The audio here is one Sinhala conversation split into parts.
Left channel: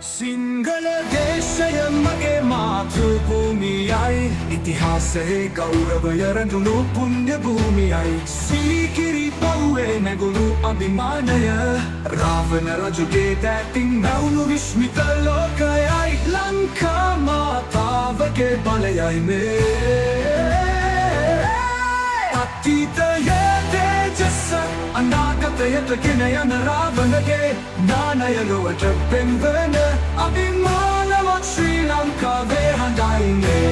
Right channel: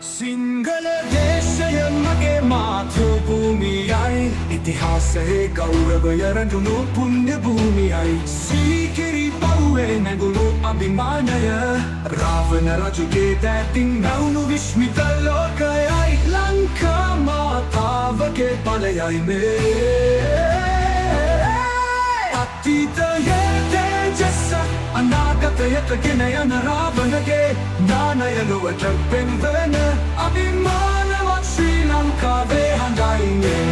සිංහල දේශය මගේ මාතෘභූමියයි ඉතිහාසයේ ගෞරවය රැඳුණු පුණ්‍ය භූමියයි සීකිරි පවුවේ නැගුණු අභිමානය රාවණ රජුගේ දෑතින් නැවුණු විශ්මිත ලෝකයයි ලංකා මාතාවගේ බලයයි මේ අතීතයේ තේජස අනාගතයට ගෙන යන රාවණගේ නානය ලොවට පෙන්වන අභිමානවත් ශ්‍රී ලංකාවේ හඬයිනේ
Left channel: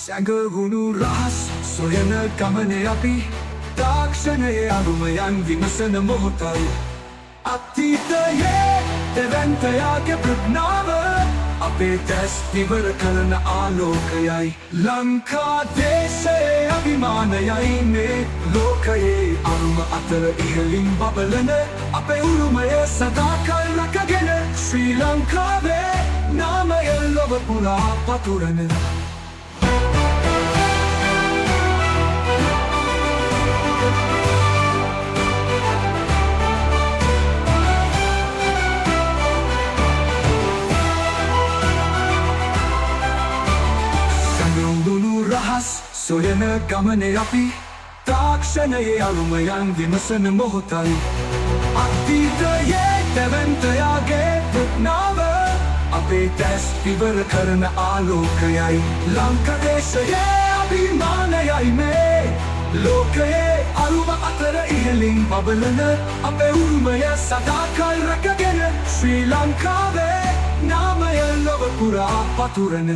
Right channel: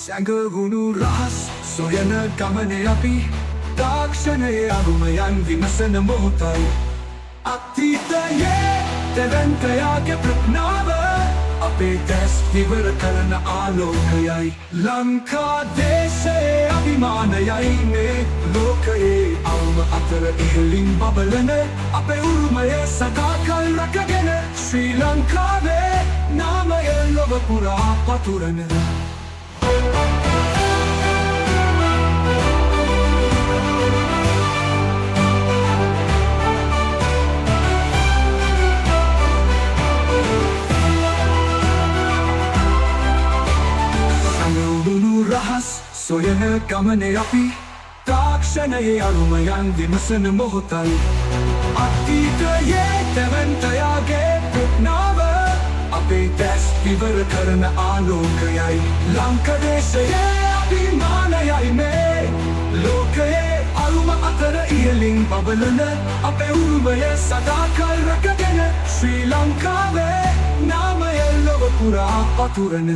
සැඟවුණු රහස් සොයන ගමනේ අපි තාක්ෂණයේ අරුමයන් විමසන මොහොතයි අතීතයේ තෙවන්තයාගේ ප්‍රඥාව අපේ දැස් විවර කරන ආලෝකයයි ලංකා දේශයේ අභිමානයයි මේ ලෝකයේ අරුම අතර ඉහළින් බබලන අපේ උරුමය සදාකල් රැකගෙන ශ්‍රී ලංකාවේ නාමය ලොව පුරා පතුරන සැඟවුණු රහස් සොයන ගමනේ අපි තාක්ෂණයේ අරුමයන් විමසන මොහොතයි අතීතයේ තැවැන්තයාගේ ප්‍රඥාව අපේ දැස් විවර කරන ආලෝකයයි ලංකාදේශයේ අභිමානයයි මේ ලෝකයේ අරුම අතර ඉහළින් බබලන අපේ උරුමය සදාකල් රැකගෙන ශ්‍රී ලංකාවේ නාමය ලොව පුරා පතුරන